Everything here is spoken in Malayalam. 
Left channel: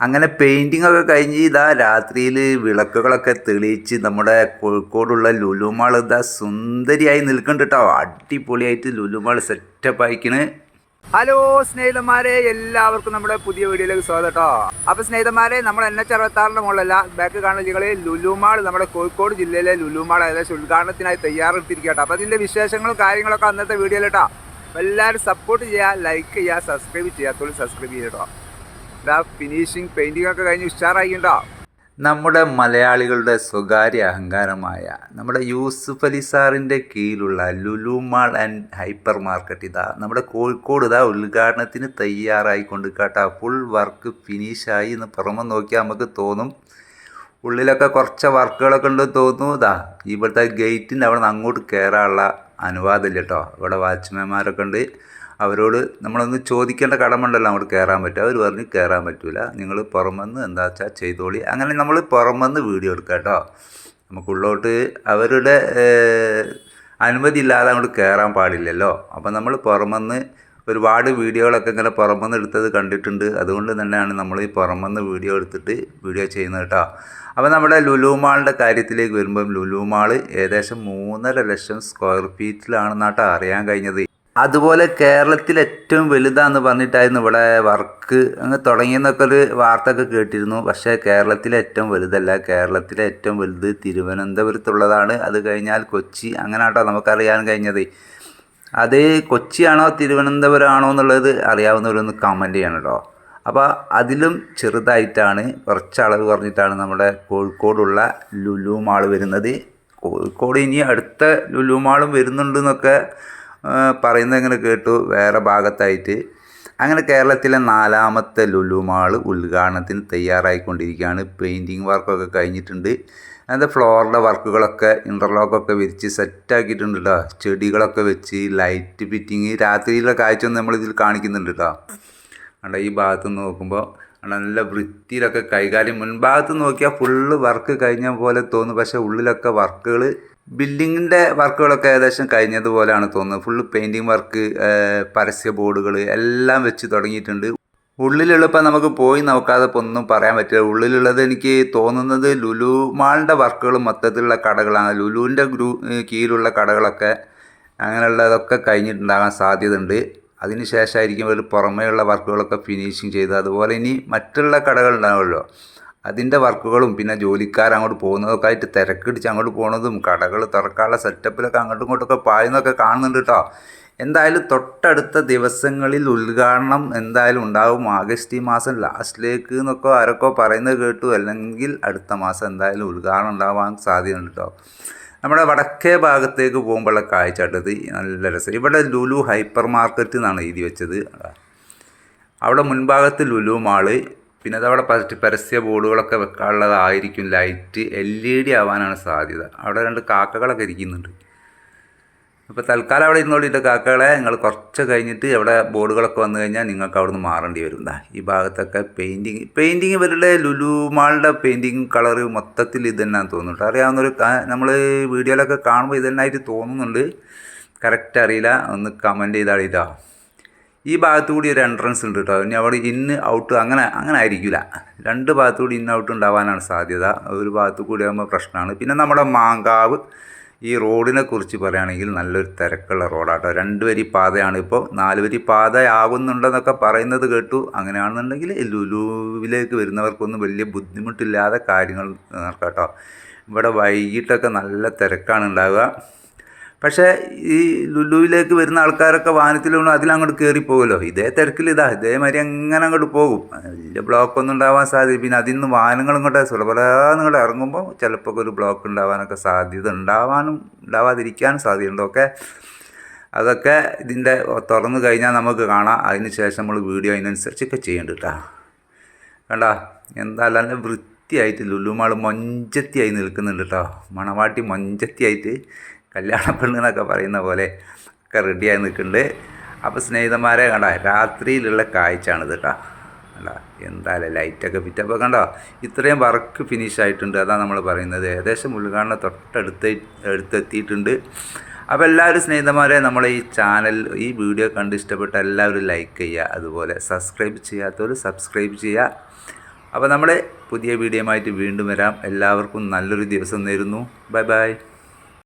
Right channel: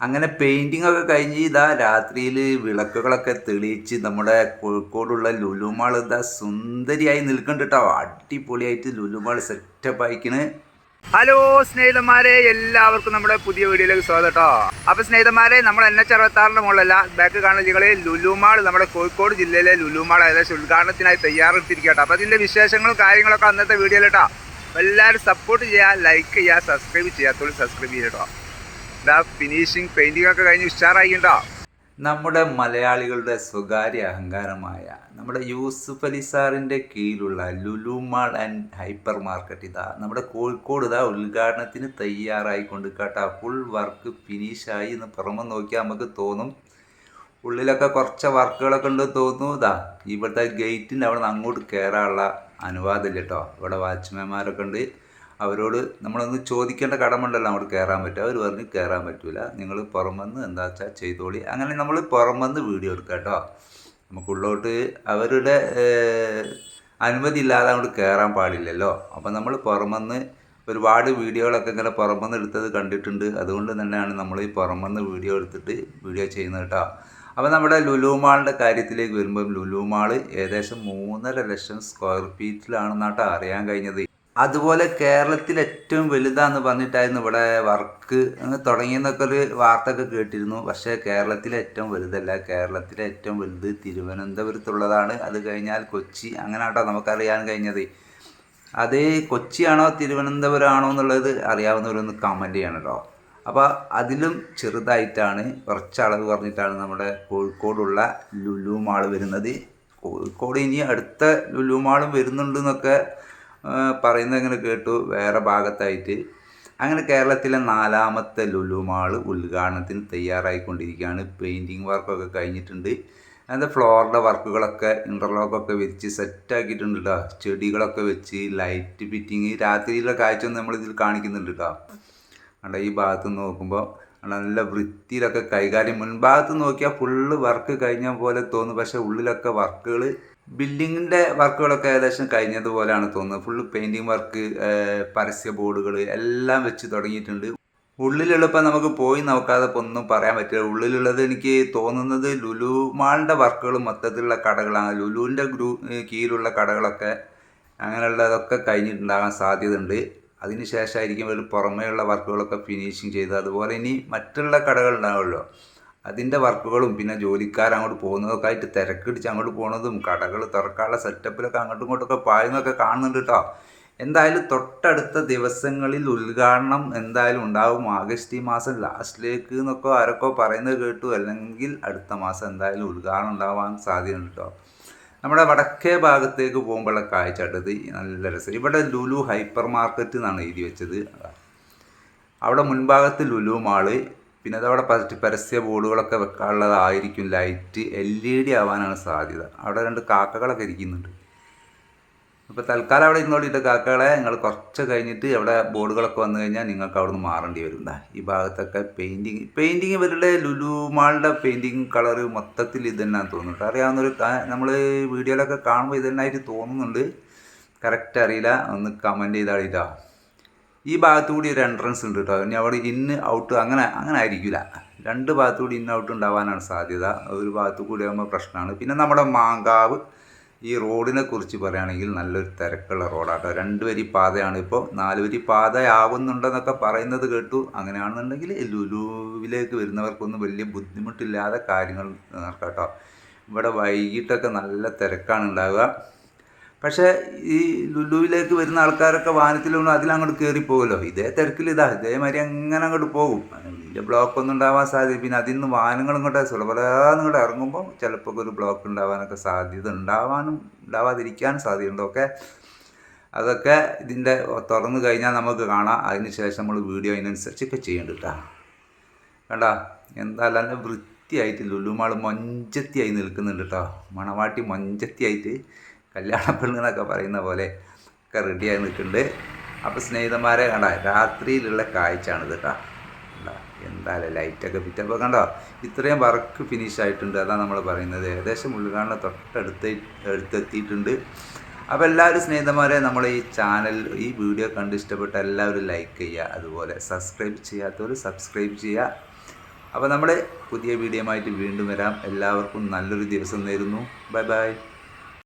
അങ്ങനെ പെയിന്റിംഗ് ഒക്കെ കഴിഞ്ഞ് ഇതാ രാത്രിയിൽ വിളക്കുകളൊക്കെ തെളിയിച്ച് നമ്മുടെ കോഴിക്കോടുള്ള ലുലുമാൾ ഇതാ സുന്ദരിയായി നിൽക്കുന്നുണ്ട് കേട്ടോ. അടിപൊളിയായിട്ട് ലുലുമാൾ സെറ്റപ്പ് ആയിക്കണ്. ഹലോ സ്നേഹിതന്മാരെ എല്ലാവർക്കും നമ്മുടെ പുതിയ വീഡിയോയിലേക്ക് സ്വാഗതം കേട്ടോ. അപ്പൊ സ്നേഹിതന്മാരെ നമ്മൾ എൻ എച്ച് അറുപത്താറിന്റെ മുകളിലല്ല ബാക്ക് കാണുന്ന ജില്ലകളിൽ ലുലുമാൾ നമ്മുടെ കോഴിക്കോട് ജില്ലയിലെ ലുലുമാൾ ഏകദേശം ഉദ്ഘാടനത്തിനായി തയ്യാറെടുത്തിരിക്കുക അപ്പൊ അതിന്റെ വിശേഷങ്ങളും കാര്യങ്ങളൊക്കെ അന്നത്തെ വീഡിയോയിൽ കേട്ടോ. എല്ലാവരും സപ്പോർട്ട് ചെയ്യുക ലൈക്ക് ചെയ്യുക സബ്സ്ക്രൈബ് ചെയ്യാത്തോളം സബ്സ്ക്രൈബ് ചെയ്യുക കേട്ടോ. ഇതാ ഫിനിഷിങ് പെയിന്റിംഗ് ഒക്കെ കഴിഞ്ഞ് ഉഷാറായിട്ടോ നമ്മുടെ മലയാളികളുടെ സ്വകാര്യ അഹങ്കാരമായ നമ്മുടെ യൂസുഫ് അലി സാറിന്റെ കീഴിലുള്ള Lulu mall and hypermarket ഇതാ നമ്മുടെ കോഴിക്കോട് ഇതാ ഉദ്ഘാടനത്തിന് തയ്യാറായിക്കൊണ്ട് കേട്ടാ. ഫുൾ വർക്ക് ഫിനിഷായി എന്ന് പുറമെ നോക്കിയാൽ നമുക്ക് തോന്നും. ഉള്ളിലൊക്കെ കുറച്ച് വർക്കുകളൊക്കെ ഉണ്ടെന്ന് തോന്നുന്നു. ഇതാ ഇവിടുത്തെ ഗേറ്റിന്റെ അവിടെ നിന്ന് അങ്ങോട്ട് കയറാനുള്ള അനുവാദമില്ല കേട്ടോ. ഇവിടെ വാച്ച്മാൻമാരൊക്കെ ഉണ്ട്. അവരോട് നമ്മളൊന്ന് ചോദിക്കേണ്ട കടമുണ്ടല്ലോ അങ്ങോട്ട് കയറാൻ പറ്റും അവർ പറഞ്ഞു കയറാൻ പറ്റില്ല നിങ്ങൾ പുറമെന്ന് എന്താ വെച്ചാൽ ചെയ്തോളി. അങ്ങനെ നമ്മൾ പുറമെന്ന് വീഡിയോ എടുക്കുക കേട്ടോ. നമുക്കുള്ളോട്ട് അവരുടെ അനുമതി ഇല്ലാതെ അങ്ങോട്ട് കയറാൻ പാടില്ലല്ലോ. അപ്പം നമ്മൾ പുറമെന്ന് ഒരുപാട് വീഡിയോകളൊക്കെ ഇങ്ങനെ പുറമെന്ന് എടുത്തത് കണ്ടിട്ടുണ്ട്. അതുകൊണ്ട് തന്നെയാണ് നമ്മൾ ഈ പുറമെന്ന് വീഡിയോ എടുത്തിട്ട് വീഡിയോ ചെയ്യുന്നത് കേട്ടോ. അപ്പോൾ നമ്മുടെ ലുലു മാളിന്റെ കാര്യത്തിലേക്ക് വരുമ്പം ലുലു മാൾ ഏകദേശം മൂന്നര ലക്ഷം സ്ക്വയർ ഫീറ്റിലാണെന്നാട്ടോ അറിയാൻ കഴിഞ്ഞത്. അതുപോലെ കേരളത്തിൽ ഏറ്റവും വലുതാന്ന് പറഞ്ഞിട്ടായിരുന്നു ഇവിടെ വർക്ക് അങ്ങ് തുടങ്ങിയെന്നൊക്കെ ഒരു വാർത്ത ഒക്കെ കേട്ടിരുന്നു. പക്ഷേ കേരളത്തിലെ ഏറ്റവും വലുതല്ല. കേരളത്തിലെ ഏറ്റവും വലുത് തിരുവനന്തപുരത്തുള്ളതാണ്. അത് കഴിഞ്ഞാൽ കൊച്ചി. അങ്ങനെയാട്ടോ നമുക്കറിയാൻ കഴിഞ്ഞത്. അത് കൊച്ചിയാണോ തിരുവനന്തപുരമാണോ എന്നുള്ളത് അറിയാവുന്നവരൊന്ന് കമന്റ് ചെയ്യണം കേട്ടോ അപ്പോൾ അതിലും ചെറുതായിട്ടാണ് കുറച്ച് അളവ് പറഞ്ഞിട്ടാണ് നമ്മുടെ കോഴിക്കോടുള്ള ലുലു മാൾ വരുന്നത്. കോഴിക്കോട് ഇനി അടുത്ത ലുലു മാളും വരുന്നുണ്ടെന്നൊക്കെ പറയുന്നത് ഇങ്ങനെ കേട്ടു. വേറെ ഭാഗത്തായിട്ട് അങ്ങനെ കേരളത്തിലെ നാലാമത്തെ ലുലു മാൾ ഉദ്ഘാടനത്തിന് തയ്യാറായിക്കൊണ്ടിരിക്കുകയാണ്. പെയിന്റിങ് വർക്കൊക്കെ കഴിഞ്ഞിട്ടുണ്ട്. അതിന്റെ ഫ്ലോറിന്റെ വർക്കുകളൊക്കെ ഇന്റർലോക്കൊക്കെ വിരിച്ച് സെറ്റാക്കിയിട്ടുണ്ട് കേട്ടോ ചെടികളൊക്കെ വെച്ച് ലൈറ്റ് ഫിറ്റിങ് രാത്രിയിലെ കാഴ്ച നമ്മളിതിൽ കാണിക്കുന്നുണ്ട് കേട്ടോ അവിടെ ഈ ഭാഗത്ത് നോക്കുമ്പോൾ നല്ല വൃത്തിയിലൊക്കെ കൈകാര്യം. മുൻഭാഗത്ത് നോക്കിയാൽ ഫുള്ള് വർക്ക് കഴിഞ്ഞ പോലെ തോന്നും. പക്ഷേ ഉള്ളിലൊക്കെ വർക്കുകൾ ബിൽഡിങ്ങിന്റെ വർക്കുകളൊക്കെ ഏകദേശം കഴിഞ്ഞതുപോലെയാണ് തോന്നുന്നത്. ഫുള്ള് പെയിന്റിങ് വർക്ക് പരസ്യ ബോർഡുകൾ എല്ലാം വെച്ച് തുടങ്ങിയിട്ടുണ്ട്. ഉള്ളിലുള്ളപ്പോൾ നമുക്ക് പോയി നോക്കാതെ ഇപ്പോൾ ഒന്നും പറയാൻ പറ്റില്ല. ഉള്ളിലുള്ളത് എനിക്ക് തോന്നുന്നത് ലുലു മാളിന്റെ വർക്കുകൾ മൊത്തത്തിലുള്ള കടകളാണ്. ലുലുവിന്റെ ഗ്രൂ കീഴിലുള്ള കടകളൊക്കെ അങ്ങനെയുള്ളതൊക്കെ കഴിഞ്ഞിട്ടുണ്ടാകാൻ സാധ്യതയുണ്ട്. അതിന് ശേഷമായിരിക്കും ഒരു പുറമേയുള്ള വർക്കുകളൊക്കെ ഫിനിഷിങ് ചെയ്ത് അതുപോലെ ഇനി മറ്റുള്ള കടകൾ ഉണ്ടാവുമല്ലോ. അതിന്റെ വർക്കുകളും പിന്നെ ജോലിക്കാർ അങ്ങോട്ട് പോകുന്നതൊക്കെ ആയിട്ട് തിരക്കിടിച്ച് അങ്ങോട്ട് പോകുന്നതും കടകൾ തുറക്കാനുള്ള സെറ്റപ്പിലൊക്കെ അങ്ങോട്ടും ഇങ്ങോട്ടൊക്കെ പായുന്നതൊക്കെ കാണുന്നുണ്ട് കേട്ടോ എന്തായാലും തൊട്ടടുത്ത ദിവസങ്ങളിൽ ഉദ്ഘാടനം എന്തായാലും ഉണ്ടാവും. ആഗസ്റ്റ് ഈ മാസം ലാസ്റ്റിലേക്ക് എന്നൊക്കെ ആരൊക്കെ പറയുന്നത് കേട്ടു. അല്ലെങ്കിൽ അടുത്ത മാസം എന്തായാലും ഉദ്ഘാടനം ഉണ്ടാവാൻ സാധ്യതയുണ്ട് കേട്ടോ നമ്മുടെ വടക്കേ ഭാഗത്തേക്ക് പോകുമ്പോഴുള്ള കാഴ്ചട്ടത് നല്ല രസം. ഇവിടെ ലുലു ഹൈപ്പർ മാർക്കറ്റ് എന്നാണ് എഴുതി വെച്ചത്. അവിടെ മുൻഭാഗത്ത് ലുലു മാൾ പിന്നെ അതവിടെ പരസ്യ- ബോർഡുകളൊക്കെ വെക്കാനുള്ളതായിരിക്കും. ലൈറ്റ് എൽ ഇ ഡി ആവാനാണ് സാധ്യത. അവിടെ രണ്ട് കാക്കകളൊക്കെ ഇരിക്കുന്നുണ്ട്. അപ്പോൾ തൽക്കാലം അവിടെ ഇരുന്നോളിട്ട് കാക്കകളെ നിങ്ങൾ കുറച്ച് കഴിഞ്ഞിട്ട് അവിടെ ബോർഡുകളൊക്കെ വന്നു കഴിഞ്ഞാൽ നിങ്ങൾക്ക് അവിടെ നിന്ന് മാറേണ്ടി വരും. ഈ ഭാഗത്തൊക്കെ പെയിന്റിങ് പെയിന്റിങ് ഇവരുടെ ലുലു മാളുടെ പെയിന്റിങ് കളർ മൊത്തത്തിൽ ഇത് തന്നെയാണെന്ന് തോന്നുന്നുണ്ട് അറിയാവുന്നൊരു നമ്മൾ വീഡിയോയിലൊക്കെ കാണുമ്പോൾ ഇത് തന്നെയായിട്ട് തോന്നുന്നുണ്ട്. കറക്റ്റ് അറിയില്ല. ഒന്ന് കമന്റ് ചെയ്താളിട്ടോ ഈ ഭാഗത്തു കൂടി ഒരു എൻട്രൻസ് ഉണ്ട് കേട്ടോ ഇനി അവിടെ ഇന്ന് ഔട്ട് അങ്ങനെ അങ്ങനെ ആയിരിക്കില്ല രണ്ട് ഭാഗത്തു കൂടി ഇന്ന് ഔട്ട് ഉണ്ടാവാനാണ് സാധ്യത. ഒരു ഭാഗത്തു കൂടി ആകുമ്പോൾ പ്രശ്നമാണ് പിന്നെ നമ്മുടെ മാങ്കാവ് ഈ റോഡിനെ കുറിച്ച് പറയുകയാണെങ്കിൽ നല്ലൊരു തിരക്കുള്ള റോഡാട്ടോ രണ്ട് വരി പാതയാണ് ഇപ്പോൾ നാല് വരി പാത ആവുന്നുണ്ടെന്നൊക്കെ പറയുന്നത് കേട്ടു. അങ്ങനെയാണെന്നുണ്ടെങ്കിൽ ലുലുവിലേക്ക് വരുന്നവർക്കൊന്നും വലിയ ബുദ്ധിമുട്ടില്ലാതെ കാര്യങ്ങൾ നടക്കാം കേട്ടോ ഇവിടെ വൈകിട്ടൊക്കെ നല്ല തിരക്കാണ് ഉണ്ടാവുക. പക്ഷേ ഈ ലുലുവിലേക്ക് വരുന്ന ആൾക്കാരൊക്കെ വാഹനത്തിലൊന്നും അതിലങ്ങോട്ട് കയറി പോകുമല്ലോ ഇതേ തിരക്കിൽ ഇതാ ഇതേമാതിരി അങ്ങനെ അങ്ങോട്ട് പോകും. വലിയ ബ്ലോക്ക് ഒന്നും ഉണ്ടാവാൻ സാധ്യത. പിന്നെ അതിൽ നിന്ന് വാഹനങ്ങൾ ഇങ്ങോട്ട് സുലഭരാന്ന് ഇറങ്ങുമ്പോൾ ചിലപ്പോൾ ഒരു ബ്ലോക്ക് ഉണ്ടാവാനൊക്കെ സാധ്യത ഉണ്ടാവാനും ഉണ്ടാവാതിരിക്കാനും സാധ്യതയുണ്ടൊക്കെ അതൊക്കെ ഇതിന്റെ തുറന്നു കഴിഞ്ഞാൽ നമുക്ക് കാണാം. അതിന് ശേഷം നമ്മൾ വീഡിയോ അതിനനുസരിച്ചൊക്കെ ചെയ്യേണ്ട കേട്ടോ. കണ്ട? എന്താ നല്ല വൃത്തിയായിട്ട് ലുലുമാൾ മൊഞ്ചത്തിയായി നിൽക്കുന്നുണ്ട് കേട്ടോ. മണവാട്ടി മൊഞ്ചത്തിയായിട്ട് കല്യാണ പെണ്ണെന്നൊക്കെ പറയുന്ന പോലെ ഒക്കെ റെഡിയായി നിൽക്കുന്നുണ്ട്. അപ്പോൾ സ്നേഹിതന്മാരെ കണ്ട രാത്രിയിലുള്ള കാഴ്ചയാണിത് കേട്ടോ. കണ്ട എന്തായാലും ലൈറ്റൊക്കെ പിറ്റപ്പോൾ കണ്ടോ ഇത്രയും വർക്ക് ഫിനിഷ് ആയിട്ടുണ്ട്. അതാണ് നമ്മൾ പറയുന്നത്. ഏകദേശം ഉൾഗാണിനെ തൊട്ടടുത്ത് അടുത്തെത്തിയിട്ടുണ്ട് അപ്പോൾ എല്ലാവരും സ്നേഹിതന്മാരെ നമ്മൾ ഈ ചാനൽ ഈ വീഡിയോ കണ്ട് ഇഷ്ടപ്പെട്ട എല്ലാവരും ലൈക്ക് ചെയ്യുക. അതുപോലെ സബ്സ്ക്രൈബ് ചെയ്യാത്തവർ സബ്സ്ക്രൈബ് ചെയ്യുക. അപ്പോൾ നമ്മൾ പുതിയ വീഡിയോ ആയിട്ട് വീണ്ടും വരാം. എല്ലാവർക്കും നല്ലൊരു ദിവസം നേരുന്നു. Bye bye